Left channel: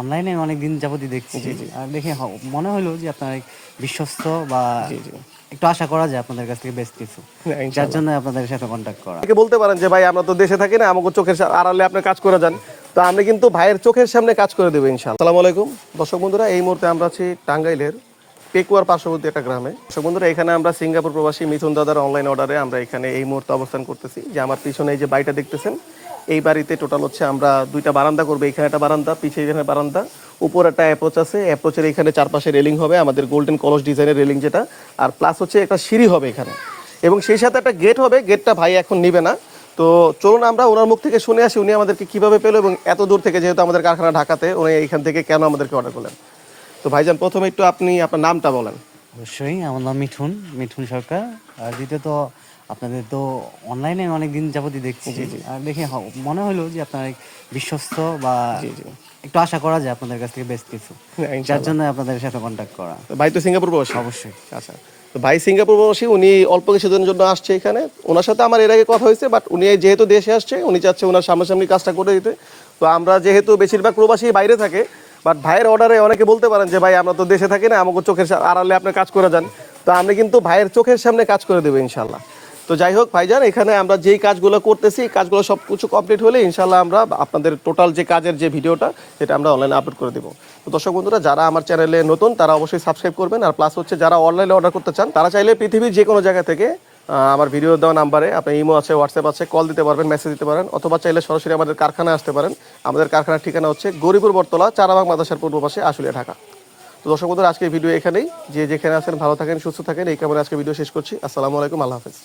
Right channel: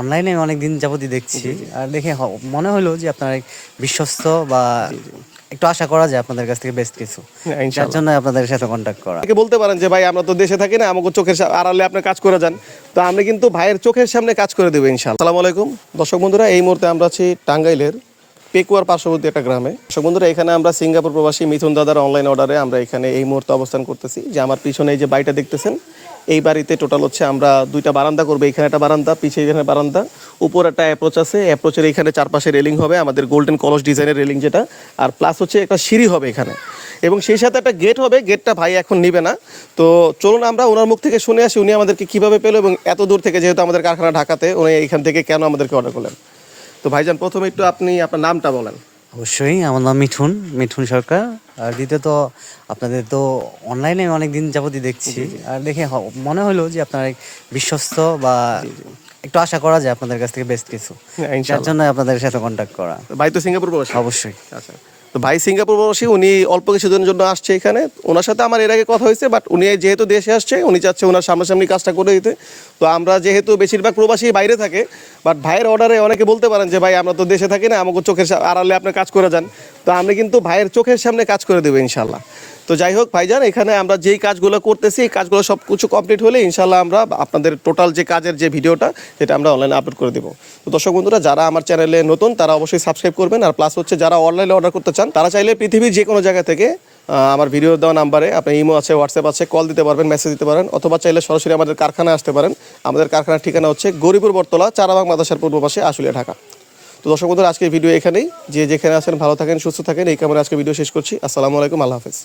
অনলাইনে অনেকদিন যাবতই দেখছি। আর দেখে মনে হলো যে আপনার এক বিশ্বস্ত বা একটু আশা করা যায় আপনাদের কাছ থেকে বেস্ট কিছু। যার জন্য আপনাদের সাথে কন্ট্যাক্ট করা। বলতে পারেন যে ভাই আমরা তো দেশে থাকি না, আমাকে চোখের আড়ালে আপনি কাজ করে যান, তো আমরা কিন্তু ভাইয়ের চোখের সামনে কাজ করে দেবো ইনশাআল্লাহ। আসসালামু আলাইকুম দর্শক বন্ধুরা, এই মুহূর্তে আমরা আছি টাঙ্গাইলের পেকুয়ার পার্শ্ববর্তী একটা গ্রামে। দর্শক বন্ধুরা, এখানে আমরা সিঙ্গাপুর প্রবাসী মিথুন দাদার অনলাইন অর্ডারে আমরা এখানে এই মুহূর্তে অবস্থান করতেছি। যে আমার পিছনে এই যে বাড়িটা দেখতেছেন, এই বাড়িতে টোটাল হচ্ছে আমরা দুইটা বারান্দা করবো। এখানে একটা বারান্দা, পিছিয়ে এখানে বারান্দা, উপর একটা অ্যাপ্রোচ আছে, অ্যাপ্রোচের এখানে চারপাশে রেলিং হবে আমাদের গোল্ডেন কলস ডিজাইনের রেলিং যেটা, আর প্লাস হচ্ছে একটা সিঁড়ি হবে এখানে, এবং সেই সাথে একটা গেট হবে। গেটটা ভাই এখন নিবে না, তো চলুন আমরা ওনার মুখ থেকে শুনে আসি উনি আমাদেরকে কীভাবে পেলো এবং এত দূর থেকে, যেহেতু আমাদের কারখানা ঢাকাতে, উনি এইখান থেকে কেন আমাদেরকে অর্ডার করলেন। তো ভাইজান, প্রথমে একটু আপনি আপনার নামটা বলেন। অবশ্যই, আমার নাম মিঠুন সরকার। আর দ্বিতীয়ত আপনাদের তো অনলাইনে অনেকদিন যাবতই দেখছি। আর দেখে মনে হলো যে আপনার এক বিশ্বস্ত বা একটু আশা করা যায় আপনাদের কাছ থেকে বেস্ট কিছু। যার জন্য আপনাদের সাথে কন্ট্যাক্ট করা। ভাই তো সিঙ্গাপুর প্রবাসী? অবশ্যই। আচ্ছা, তো ভাই সিঙ্গাপুর প্রবাসী, উনি অল্প কিছুদিনের জন্য আসছে এখানে। ওনার সাথে আমার এর আগে কথা হয়েছে, বাট উনি যেহেতু দেশে আসছে, উনি চাচ্ছে ওনার সামনাসামনি কাজটা করে দিতে। তো আমরা যেহেতু বেশিরভাগ প্রবাসী বাইরে থাকে, বাট ভাইয়ের অর্ডারে অনেকে বলতে পারেন যে ভাই আমরা তো দেশে থাকি না, আমাকে চোখের আড়ালে আপনি কাজ করে যান, তো আমরা কিন্তু ভাইয়ের চোখের সামনে কাজ করে দেবো ইনশাল্লাহ। তো যাই হোক ভাইজান, এখানে আমরা যেই কাজগুলো করতেছি, এই কাজগুলো সব কিছু কমপ্লিট হলে ইনশাল্লাহ আমরা আপনাদের টোটাল যে কাজের যে ভিডিওটা, সেটা আমরা অনলাইনে আপলোড করে দেবো। তো দর্শক বন্ধুরা, যারা আমার চ্যানেলে নতুন তারা অবশ্যই সাবস্ক্রাইব করবেন। আর প্লাস হচ্ছে যারা অনলাইনে অর্ডার করতে চান, তারা চাইলে পৃথিবীর যে কোনো জায়গা থেকে আমার ভিডিও দেওয়া নাম্বারে আপনি ইমো আছে, হোয়াটসঅ্যাপ আছে, কল দিতে পারবেন, মেসেজ দিতে পারেন, অথবা চাইলে সরাসরি আমাদের কারখানায় আসতে পারেন। আমাদের কারখানার ঠিকানা হচ্ছে গরিপুর বটতলা, চারাবাগ মাদ্রাসার পূর্ব পাশে, আশুলিয়া, ঢাকা। তো দর্শক বন্ধুরা, আজকের ভিডিও এখানেই। যে যেখানে আছেন ভালো থাকেন, সুস্থ থাকেন, এই কারণে আজকে ভিডিও শেষ করছি। আসসালামু আলাইকুম, আল্লাহ হাফেজ।